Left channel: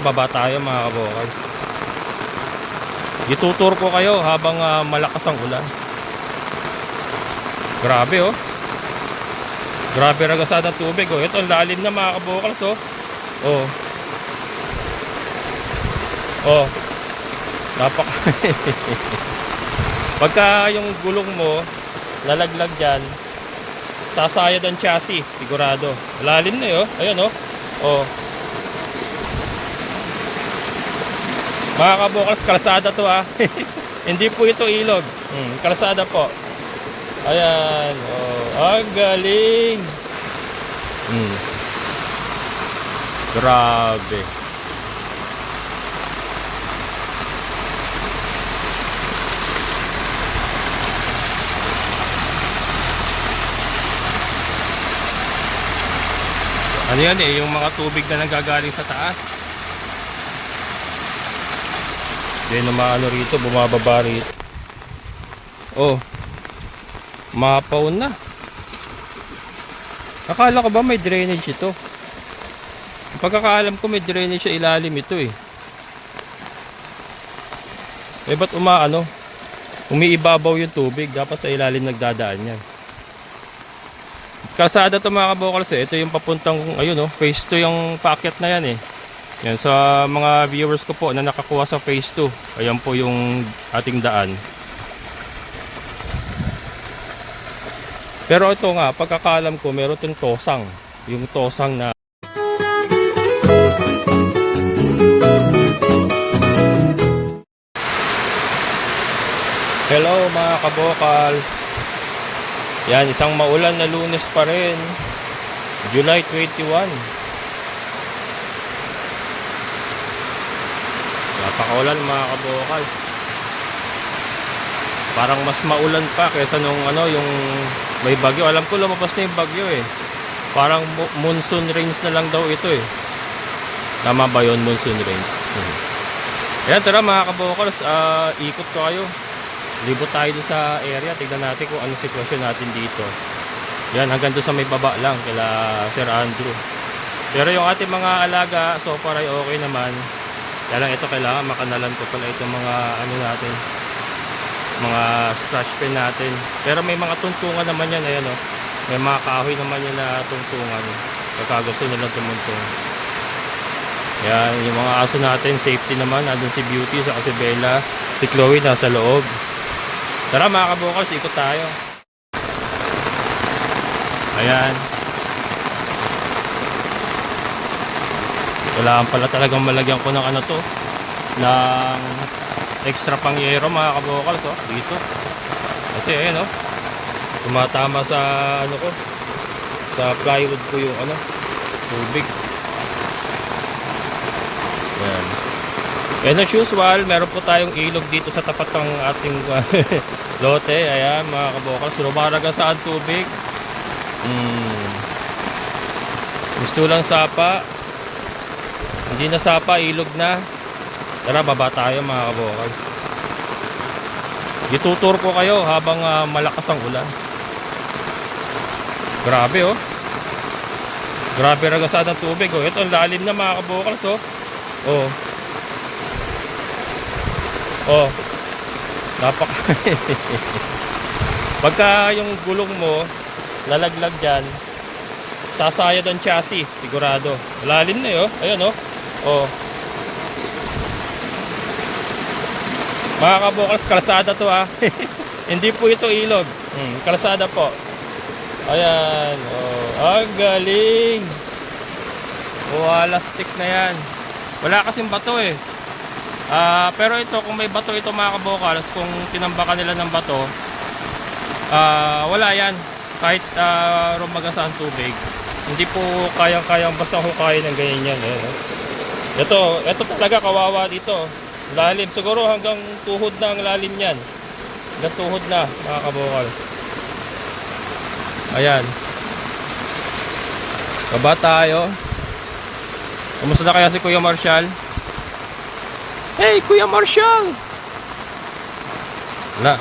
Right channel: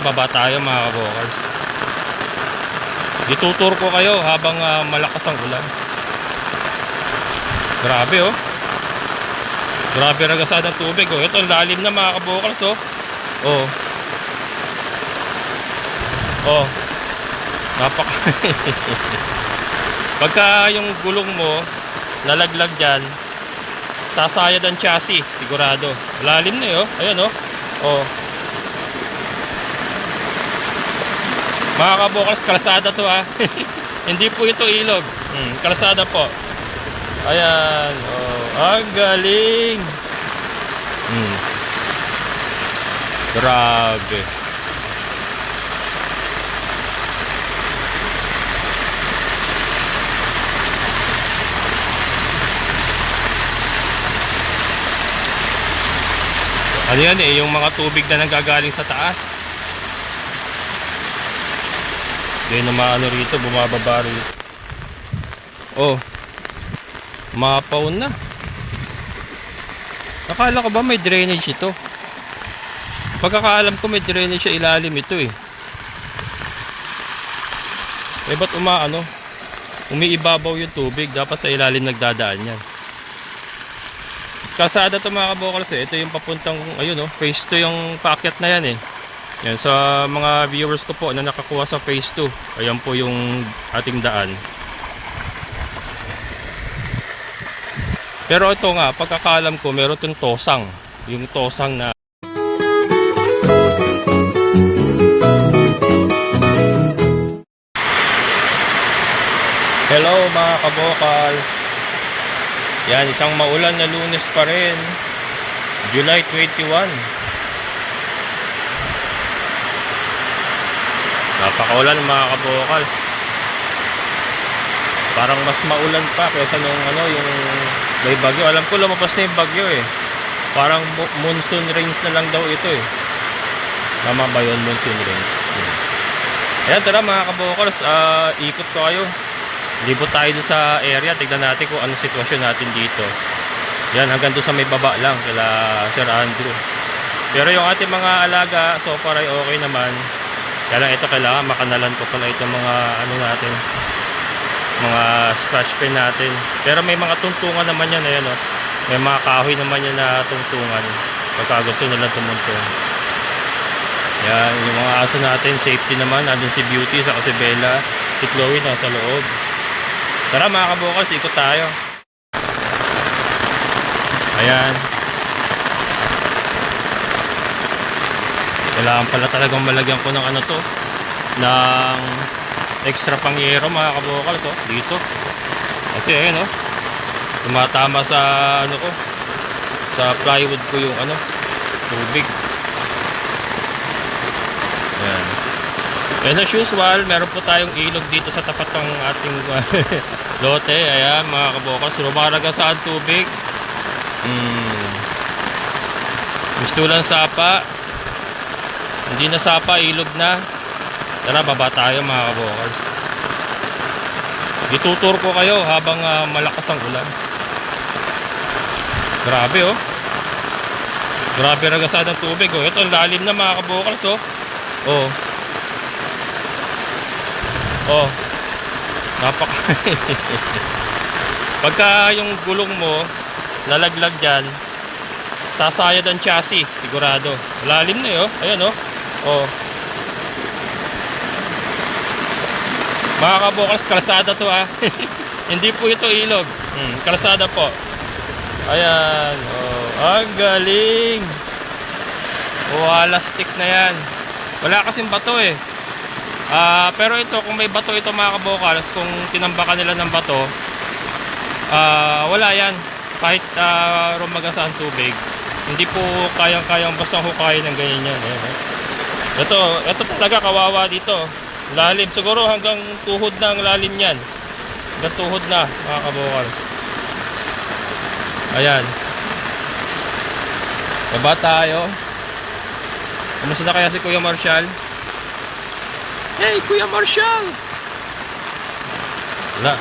Baba tayo mga kabokals. Itutur ko kayo habang malakas ang ulan. Grabe oh. Grabe ragasad ng tubig oh. Ito ang lalim na mga kabokals oh. Oh. Oh. Napak. Pagka yung gulong mo nalaglag dyan, sasayad ang chassis, sigurado. Lalim na yun. Ayan oh. Oh. Mga kabokals, kalsada to ha. Hindi po ito ilog. Kalsada po. Ayan. Oh, ang galing. Grabe. Ano yan eh, yung mga tubig na nanggagaling sa taas. Then maano rito, bumababa rito. Oh. Mapaw na. Akala ko ba may drainage ito? Pagkakaalam ko may drainage sa ilalim ito eh. Eh ba't umaano? Umiibabaw yung tubig, dapat sa ilalim nagdadaan yan. Kalsada to mga kabokals eh. Ito yung papuntang, ayun oh, phase 2 yung paakyat na yan eh. Yan, sa mga viewers ko po na nakakuha sa phase 2, ayan po yung ating daan. Pero ito nga, pagkakalam ko meron itong tosang. Yung tosang na hello mga kabokals. Yan, isang maulan na Lunes pa rin, July 21. Napakaulan mga kabokal. Parang mas maulan pa kaysa nung ano, yung may bagyo. Alam ko lumabas na yung bagyo eh. Parang monsoon rains na lang daw ito eh. Tama ba yun, monsoon rains? Ayan, tara mga kabokals, ikot ko kayo. Libot tayo doon sa area. Tignan natin kung anong sitwasyon natin dito. Yan, hanggang doon sa may baba lang kala Sir Andrew. Pero yung ating mga alaga so far ay okay naman. Kaya lang ito, kailangan makanalan ko pala itong mga ano natin, mga scratch pin natin. Pero may mga tungtungan naman yan. Ayan, oh. May mga kahoy naman yan na tungtungan pagka gusto nilang tumuntong. Yan, yung mga aso natin, safety naman. Andun si Beauty, saka si Bella, si Chloe nasa loob. Tara mga kabokals, ikot tayo. Ayan. Kailangan pala talagang malagyan ko ng ano to, ng extra pangyero mga kabokals oh, dito. Kasi ayan oh, tumatama sa ano ko, sa plywood ko yung ano, tubig. Ayan. And as usual, meron po tayong ilog dito sa tapat ng ating lote. Ayan mga kabokals, lumaragasaan tubig. Gusto lang sapa. Hindi na sapa, ilog na. Tara, baba tayo mga kabokals. Itutur ko kayo habang malakas ang ulan. Grabe oh. Grabe ragasad ng tubig oh. Ito ang lalim na mga kabokals oh. Oh. Oh. Napak. Pagka yung gulong mo nalaglag dyan, sasayad ang chassis, sigurado. Lalim na yun. Ayan oh. Oh. Mga kabokals, kalsada to ha. Hindi po ito ilog. Kalsada po. Ayan. Oh. Ang galing. Walastik na yan. Wala kasing bato eh. Pero ito, kung may bato ito mga kabokals, kung tinambakan nila ng bato, wala yan. Kahit rumagasaan tubig, hindi po kayang-kayang basta hukayin ng ganyan yan. Ito talaga kawawa dito. Lalim, siguro hanggang tuhod na ang lalim yan. Hanggang tuhod na mga kabokals. Ayan. Baba tayo. Kamusta na kaya si Kuya Marshall? Hey, Kuya Marshall! Wala.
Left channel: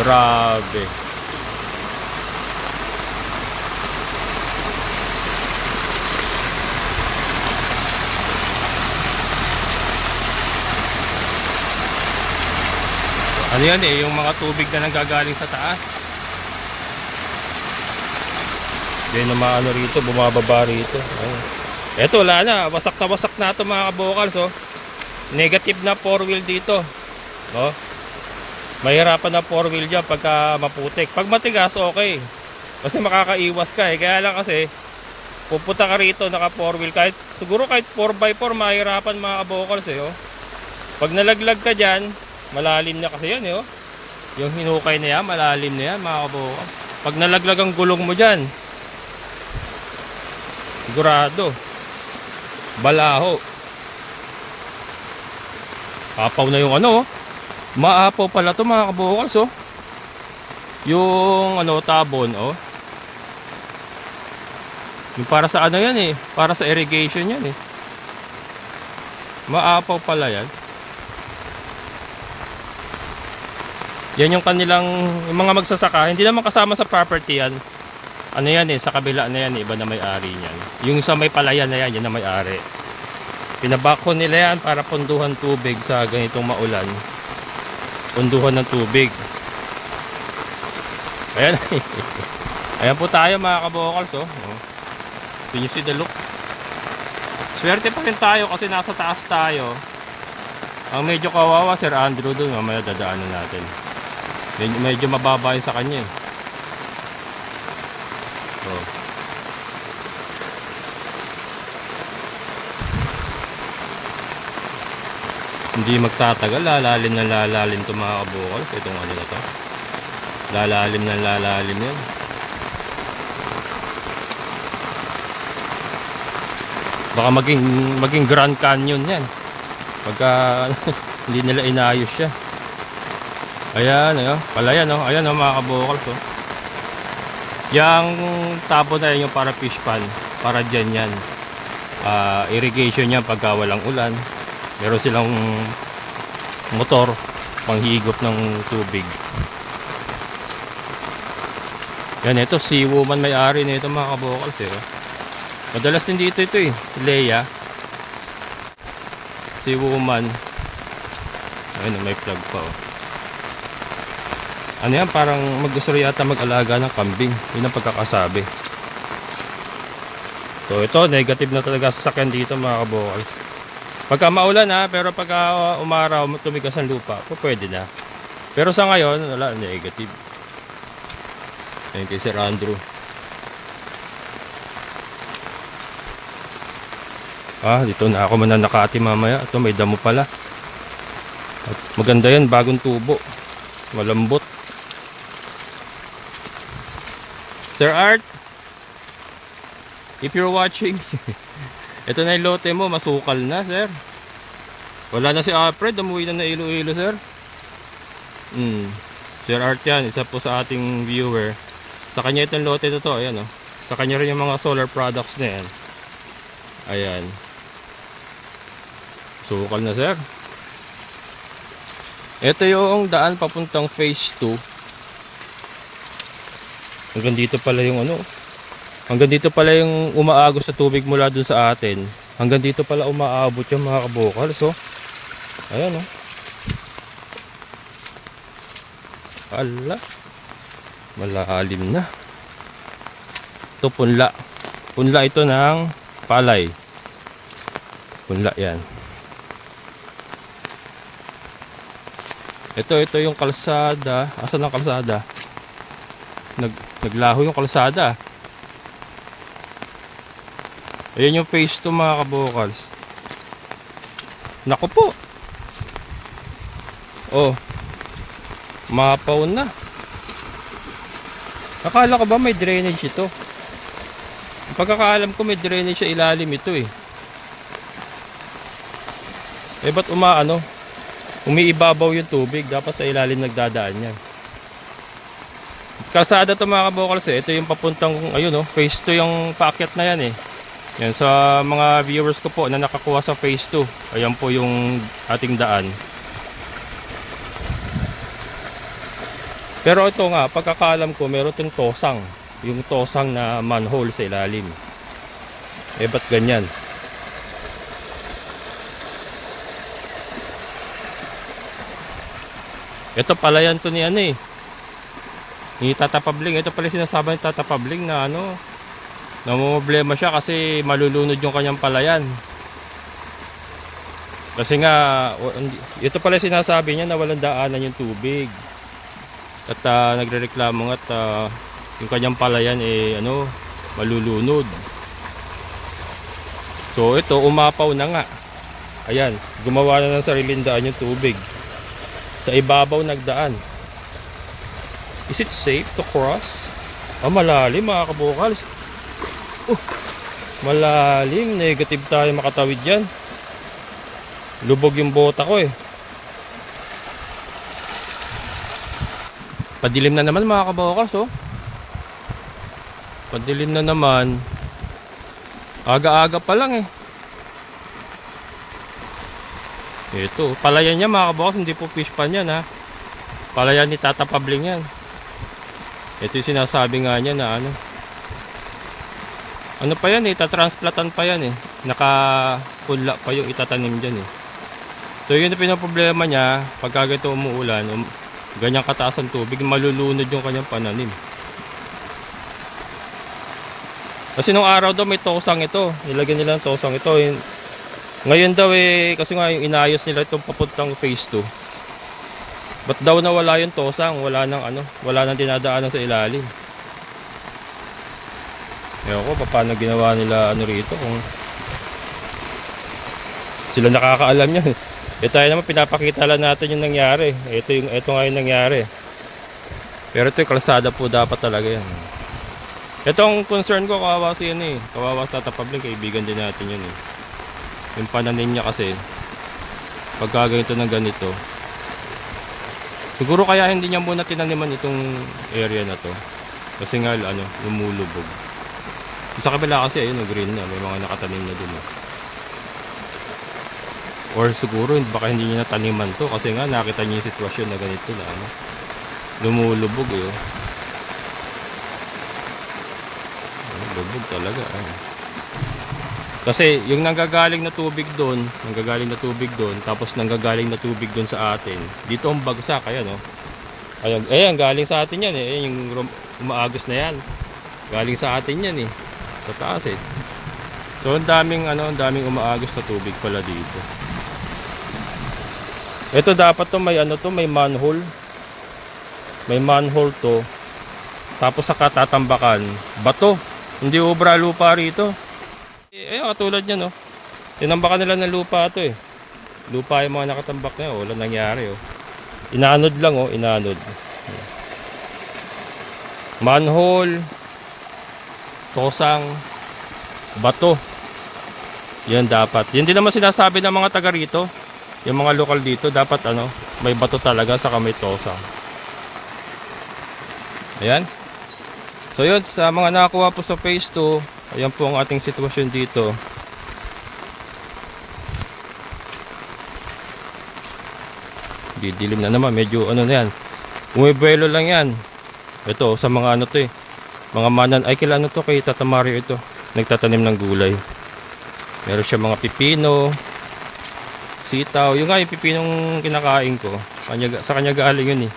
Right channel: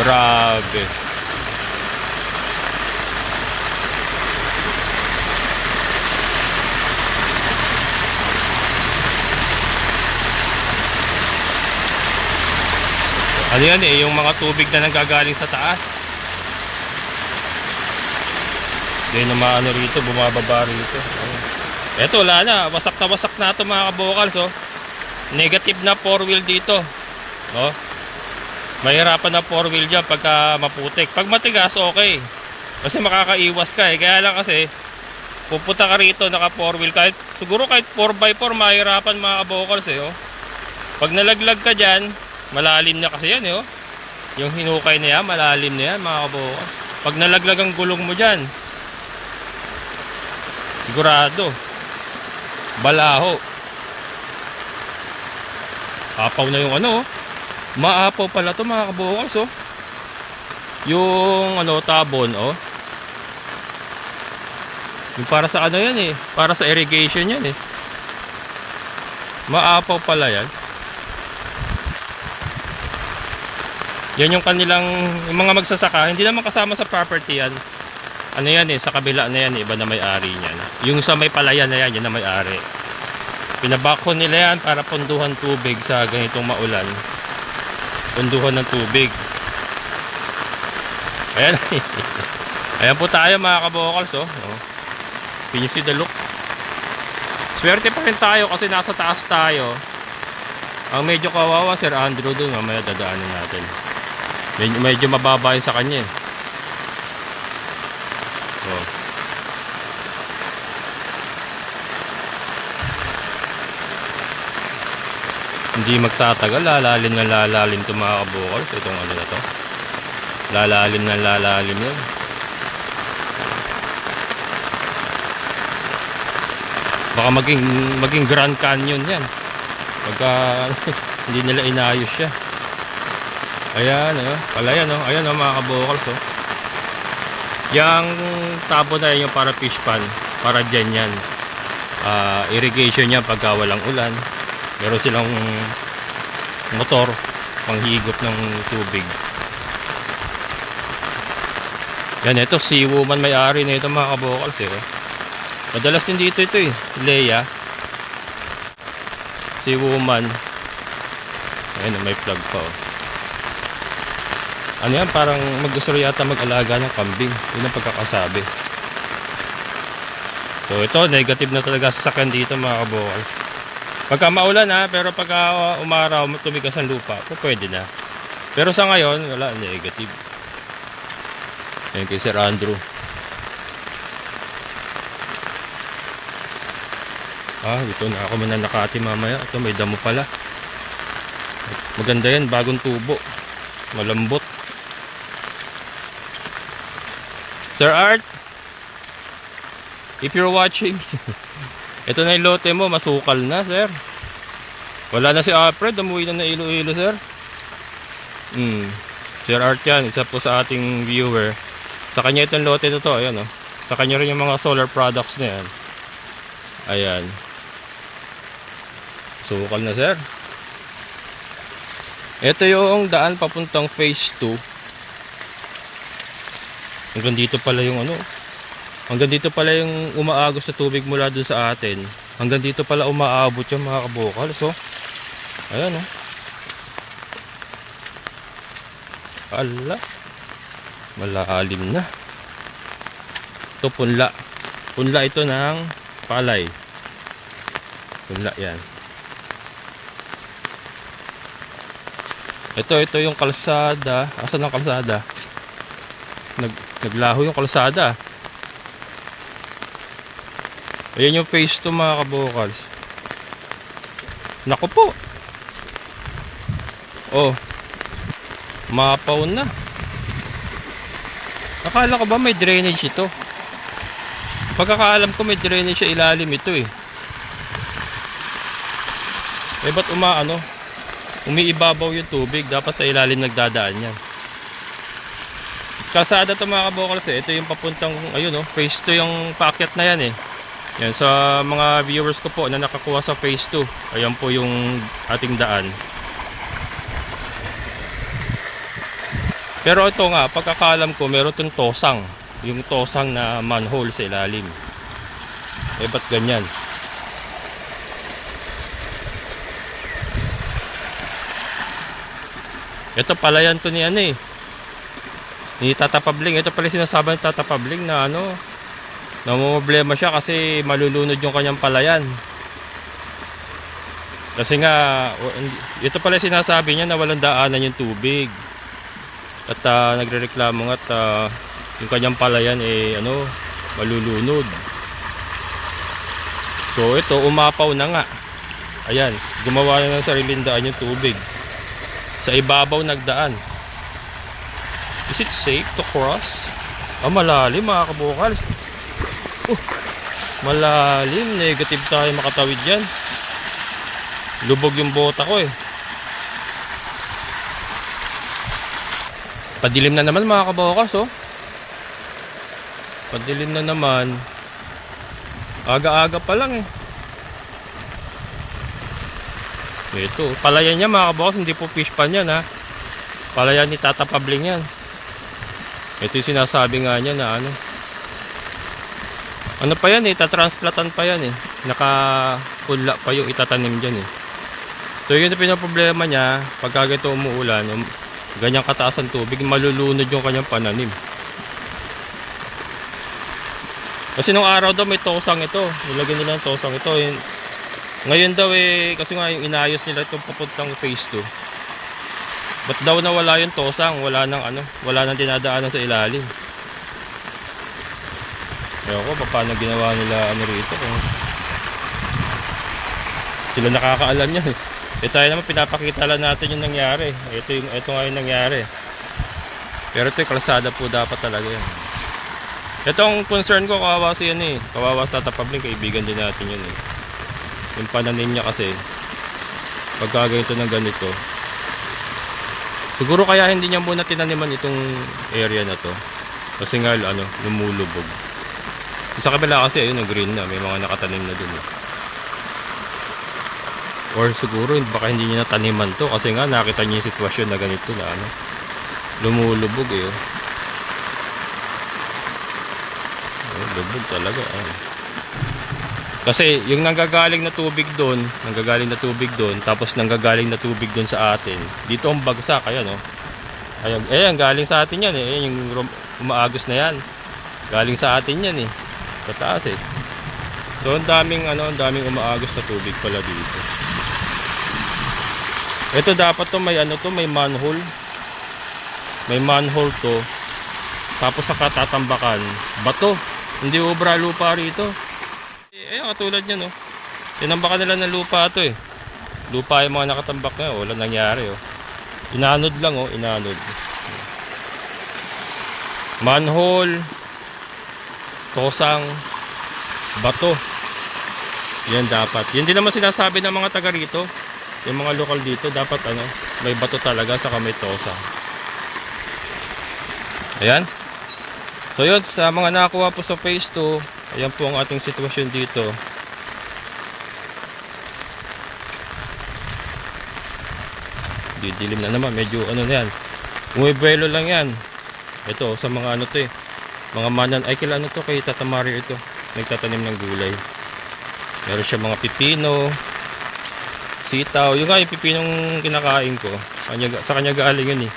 Grabe. Ano yan eh, yung mga tubig na nanggagaling sa taas. Then umaano rito, bumababa rito. Ayun. Eto, wala na, wasak na ito mga kabokals, oh. Negative na 4-wheel dito. Oh. Mahirapan na 4-wheel dyan pagka maputik. Pag matigas, okay. Kasi makakaiwas ka eh. Kaya lang kasi, pupunta ka rito naka 4-wheel. Siguro kahit 4x4, mahirapan mga kabokals eh, oh. Pag nalaglag ka dyan, malalim na kasi yan eh, oh. Yung hinukay na yan, malalim na yan mga kabokals. Pag nalaglag ang gulong mo dyan, sigurado balaho. Apaw na yung ano, oh. Maapaw pala to mga kabokals, oh. Yung ano, tabon, oh. Yung para sa ano yan eh, para sa irrigation yan eh. Maapaw pala yan. Yan yung kanilang, yung mga magsasaka, hindi naman kasama sa property yan. Ano yan eh, sa kabila na yan, iba na may-ari niyan. Yung sa may palayan na yan, yun na may-ari. Pinabako nila yan para punduhan tubig sa ganitong maulan. Punduhan ng tubig. Ayan. Ayan po tayo mga kabokals, oh. Can you see the look? Swerte pa rin tayo kasi nasa taas tayo. Ang medyo kawawa, Sir Andrew dun, mamaya dadaanan natin. Medyo mababa yun sa kanya eh. Oh. Hindi magtatagal, lalalim na lalalim ito mga kabokals. Itong ano na to, lalalim na lalalim yan. Baka maging Grand Canyon yan pagka hindi nila inayos siya. Ayan, ayan, palayan, oh. Ayan, oh, mga kabokals, oh. Yang tabo na yan yung para fish pan, para dyan yan. Irrigation yan pagka walang ulan. Meron silang motor panghigop ng tubig. Yan, ito si Woman may-ari na ito mga kabokals, eh, oh. Madalas din dito ito eh, Leia. Si Woman. Ayun, may plug pa, oh. Ano yan, parang mag-gusto yata mag-alaga ng kambing. Yun ang pagkakasabi. So ito, negative na talaga sasakyan dito mga kabokals. Pagka maulan ha, pero pagka umaraw, tumigas ang lupa, so pwede na. Pero sa ngayon, wala, negative. Ayun kay Sir Andrew. Dito na ako mananakati mamaya. Ito may damo pala. Maganda yan, bagong tubo. Malambot. Sir Art, if you're watching, ito na yung lote mo, masukal na, sir. Wala na si Alfred, umuwi na Iloilo, sir. Sir Art yan, isa po sa ating viewer. Sa kanya itong lote na to, ayan, oh. Sa kanya rin yung mga solar products na yan. Ayan. Sukal na, sir. Ito yung daan papuntang phase 2. Hanggang dito pala yung ano. Hanggang dito pala yung umaagos sa tubig mula dun sa atin. Hanggang dito pala umaabot yung mga kabokals. So, ayan, oh. Ala. Malalim na. Ito punla. Punla ito ng palay. Punla yan. Ito yung kalsada. Asan ang kalsada? Naglaho yung kalsada. Ayan yung phase 2 mga kabokals. Naku po. Oh. Mapaw na. Akala ko ba may drainage ito? Pagkakaalam ko may drainage sa ilalim ito eh. Ba't umiibabaw yung tubig? Dapat sa ilalim nagdadaan yan. Kalsada to mga kabokals eh. Ito yung papuntang, ayun oh, phase 2 yung paakyat na yan eh. Yan, sa mga viewers ko po na nakakuha sa phase 2. Ayan po yung ating daan. Pero ito nga, pagkakalam ko meron itong tosang. Yung tosang na manhole sa ilalim. Ba't ganyan? Ito pala yan to ni ano eh. Ni Tata Pabling. Ito pala sinasabi ni Tata Pabling na ano, namumblema siya kasi malulunod yung kanyang palayan. Kasi nga, ito pala sinasabi niya na walang daanan yung tubig. At nagrereklamo nga at yung kanyang palayan eh ano, malulunod. So ito, umapaw na nga. Ayan, gumawa na ng sariling daan yung tubig. Sa ibabaw nagdaan. Is it safe to cross? Malalim mga kabukals. Malalim, negative tayo makatawid yan. Lubog yung bota ko eh. Padilim na naman mga kabukals oh. Padilim na naman. Aga-aga pa lang eh. Ito, palayan niya mga kabukals, hindi po fish pan yan ha. Palayan ni Tata Pabling yan. Ito yung sinasabi nga niya na ano. Ano pa yan eh, tatransplatan pa yan eh. Nakapunla pa yung itatanim dyan eh. So yun yung pinaproblema niya, pagka ganito umuulan, ganyang kataas ang tubig, malulunod yung kanyang pananim. Kasi nung araw daw may tosang ito, nilagyan nila ng tosang ito. Ngayon daw eh, kasi nga yung inayos nila itong papuntang phase 2. Ba't daw nawala yung tosang, wala nang ano, wala nang dinadaanan sa ilalim. Ewan ko, paano ginawa nila ano rito, kung sila nakakaalam niya. Tayo naman pinapakita lang natin yung nangyari. Ito nga yung nangyari. Pero ito yung kalsada po dapat talaga yan. Itong concern ko, kawawa si yan eh. Kawawa sa Tata Pabling, kaibigan din natin yun eh. Yung pananim niya kasi, pagka ganito ng ganito, siguro kaya hindi niya muna tinaniman itong area na to. Kasi nga ano, lumulubog. Sa kabila kasi ayun, green na, may mga nakatanim na dun. Or siguro baka hindi niya nataniman to kasi nga nakita niya yung sitwasyon na ganito na ano, lumulubog eh. Lubog talaga. Kasi yung nanggagaling na tubig doon, tapos nanggagaling na tubig doon sa atin. Dito ang bagsak, ayan oh. Ayan, galing sa atin yan eh. Ayan yung umaagos na yan. Galing sa atin yan eh. Sa taas eh. So ang daming umaagos na tubig pala dito. Ito dapat to may ano to, may manhole. May manhole to. Tapos sa katatambakan, bato. Hindi obra lupa rito. Katulad niyan no. Tinambakan nila ng lupa to eh. Lupa yung mga nakatambak na, wala nangyari oh. Inanod lang oh, inanod. Manhole, tosang, bato. Yan dapat. Yan din naman sinasabi ng mga taga rito. Yung mga lokal dito, dapat ano, may bato talaga sa may tosang. Ayan. So yun, sa mga nakakuha po sa phase 2, ayan po ang ating sitwasyon dito. Didilim na naman, medyo ano na yan. Umubuelo lang yan. Ito, sa mga ano to eh. Mga manan, ay kailan ano to, kay Tata Mario ito. Nagtatanim ng gulay. Meron siya mga pipino, sitaw. Yung nga yung pipinong kinakain ko. Sa kanya galing yun eh.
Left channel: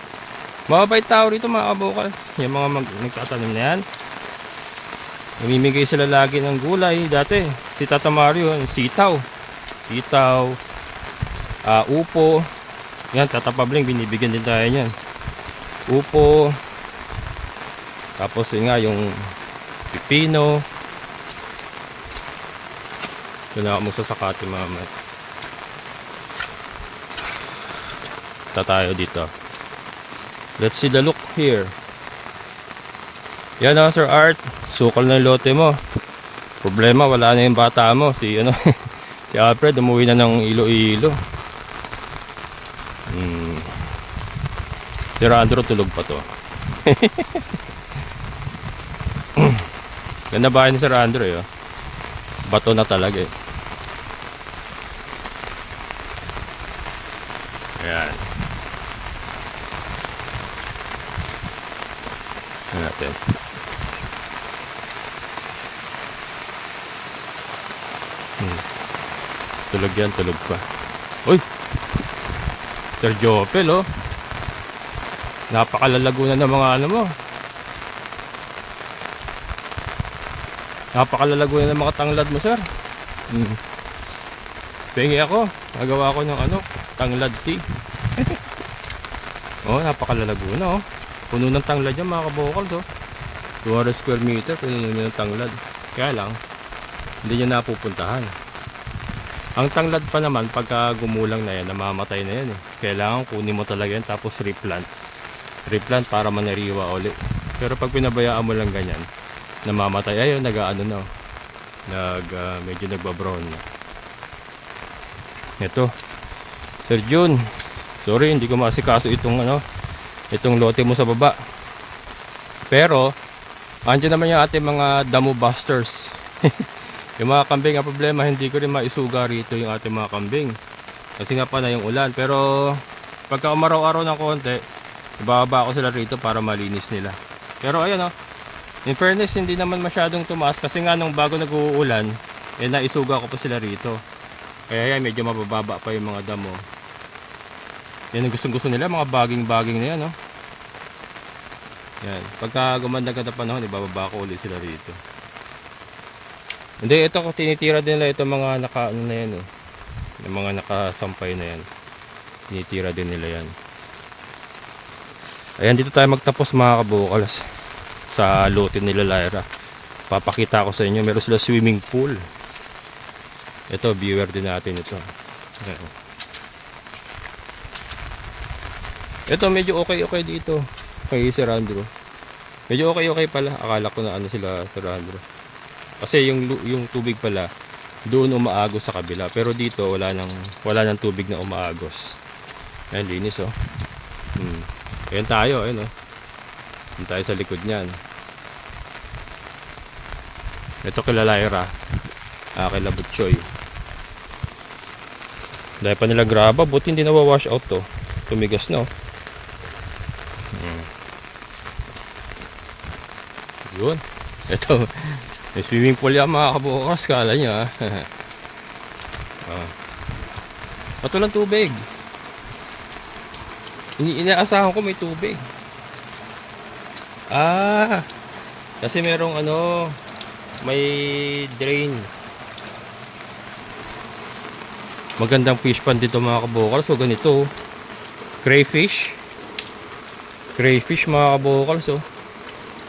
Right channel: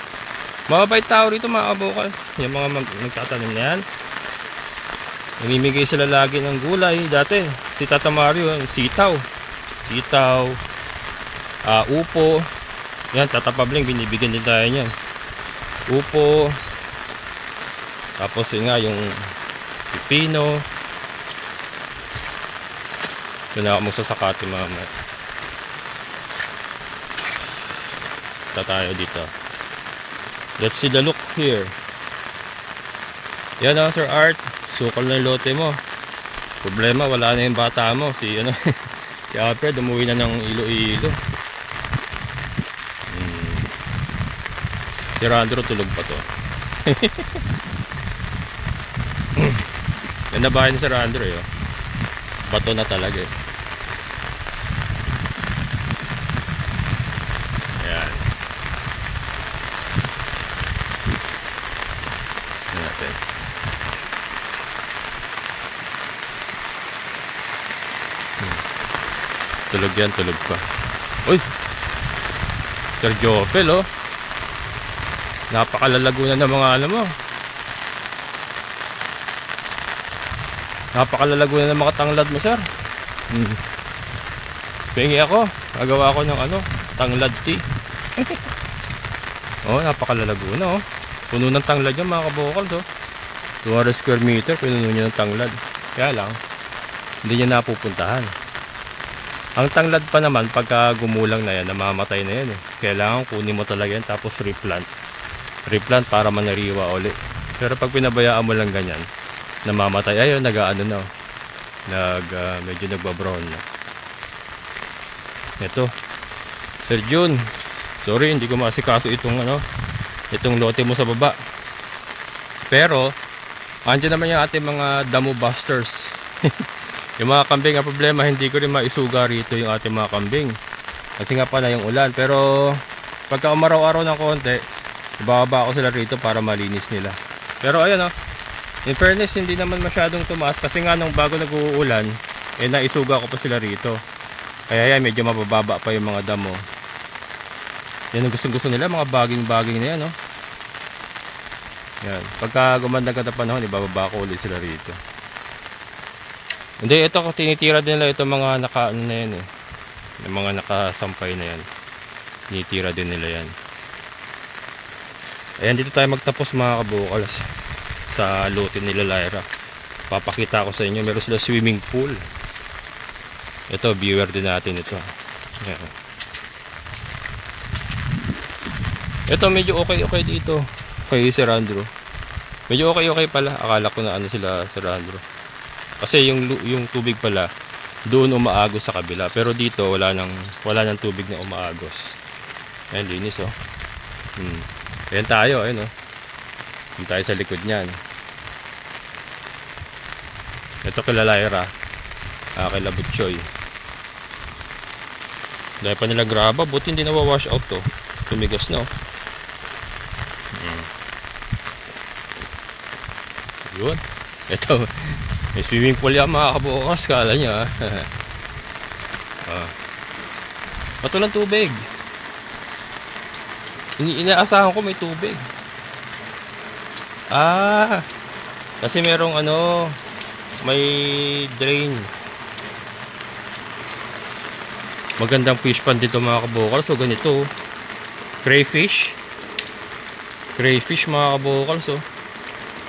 Mababait tao rito mga kabukas. Yung mga nagtatanim na yan. Namimigay sila lagi ng gulay. Dati si Tata Mario yung sitaw, upo. Yan, Tata Pabling binibigyan din tayo niyan. Upo. Tapos yun nga yung pipino. Doon ako magsasakati mamaya. Tayo dito. Let's see the look here. Yan Sir Art. Sukal na yung lote mo. Problema, wala na yung bata mo. Si Alfred umuwi na ng Iloilo. Si Randro tulog pa to. Yan na bahay ni Sir Randro eh. Bato na talaga eh. Yan. Yan natin. Tulog yan, tulog pa. Uy! Sir Jopel oh. Napakalalago na ng mga ano mo. Napakalalago na ng mga tanglad mo, sir. Pengi ako. Nagawa ko ng ano, tanglad tea. Oh, napakalalago na, oh. Puno ng tanglad yan, mga kabokals, oh. 200 square meter, pinuno niya ng tanglad. Kaya lang, hindi niya napupuntahan. Ang tanglad pa naman, pagka gumulang na yan, namamatay na yan, eh. Kailangan kunin mo talaga yan, tapos replant. Replant para manariwa uli. Pero pag pinabayaan mo lang ganyan, namamatay. Ayun, nag-ano na, oh. Medyo nagbabrown na. Ito, Sir Jun, sorry, hindi ko masikaso itong ano, itong lote mo sa baba. Pero andyan naman yung ating mga damo busters. Yung mga kambing, ang problema, hindi ko rin maisuga rito yung ating mga kambing kasi nga pa na yung ulan. Pero pagka umaraw-araw ng konti, ibababa ko sila rito para malinis nila. Pero ayun, oh, in fairness, hindi naman masyadong tumaas kasi nga nung bago nag-uulan, naisuga ko pa sila rito. Kaya yan, medyo mabababa pa yung mga damo. Yan ang gustong-gusto nila, mga baging-baging na yan, no? Yan, pagka gumanda ka na panahon, ibababa ko ulit sila rito. Hindi, ito tinitira din nila ito mga naka, ano na yan, eh. Yung mga nakasampay na yan. Tinitira din nila yan. Ayan, dito tayo magtapos, mga kabukals, sa lote nila Lyra. Papakita ko sa inyo, meron sila swimming pool. Ito, viewer din natin ito. Ayan. Ito, medyo okay dito kay Sir Andrew. Medyo okay pala. Akala ko na ano sila, Sir Andrew. Kasi yung tubig pala doon umaagos sa kabila. Pero dito wala nang tubig na umaagos. Ayan, linis, oh. Ayan tayo, ayun, oh. Ayan tayo sa likod niyan. Ito kila Lyra. Kila Butchoy. Dahil pa nila graba, buti hindi nawawash out to. Tumigas na, oh. Yun. Ito, may swimming pool yan, mga kabukas. Kala nyo, ha. Ito lang tubig. Inaasahan ko may tubig. Kasi merong ano, may drain. Magandang fish pond dito, mga kabukals. So ganito, crayfish, mga kabukals, oh.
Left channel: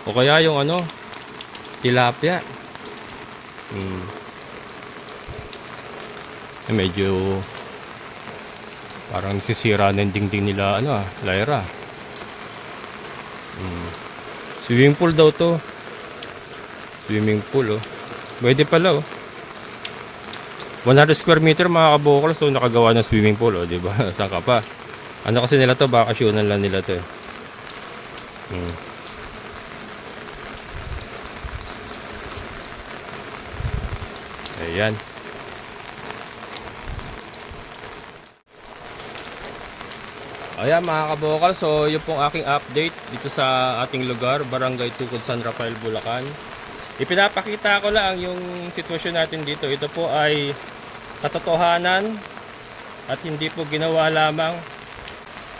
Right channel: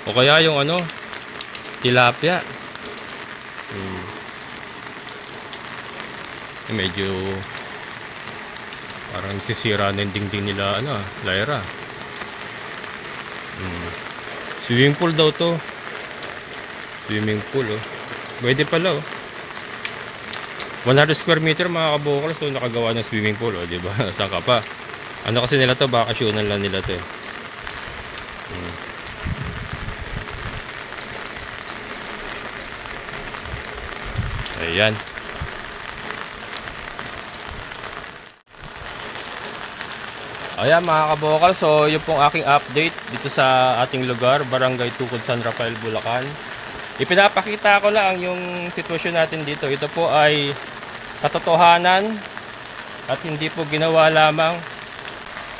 O kaya yung ano, tilapia. Medyo parang sisira ng dingding nila, ano, Lyra. Swimming pool daw to. Swimming pool, oh. Pwede pala, oh. 100 square meter, mga kabukal. So nakagawa ng swimming pool, oh, diba? Saan ka pa? Ano kasi nila to, bakasyonan lang nila to. Ayan. Ayan, mga kabukal. So yun pong aking update dito sa ating lugar, Barangay Tukod, San Rafael, Bulacan. Ipinapakita ko lang yung sitwasyon natin dito. Ito po ay katotohanan at hindi po ginawa lamang.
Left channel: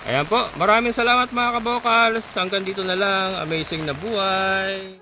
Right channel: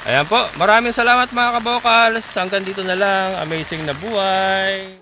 Ayan po, maraming salamat, mga kabokals. Hanggang dito na lang. Amazing na buhay.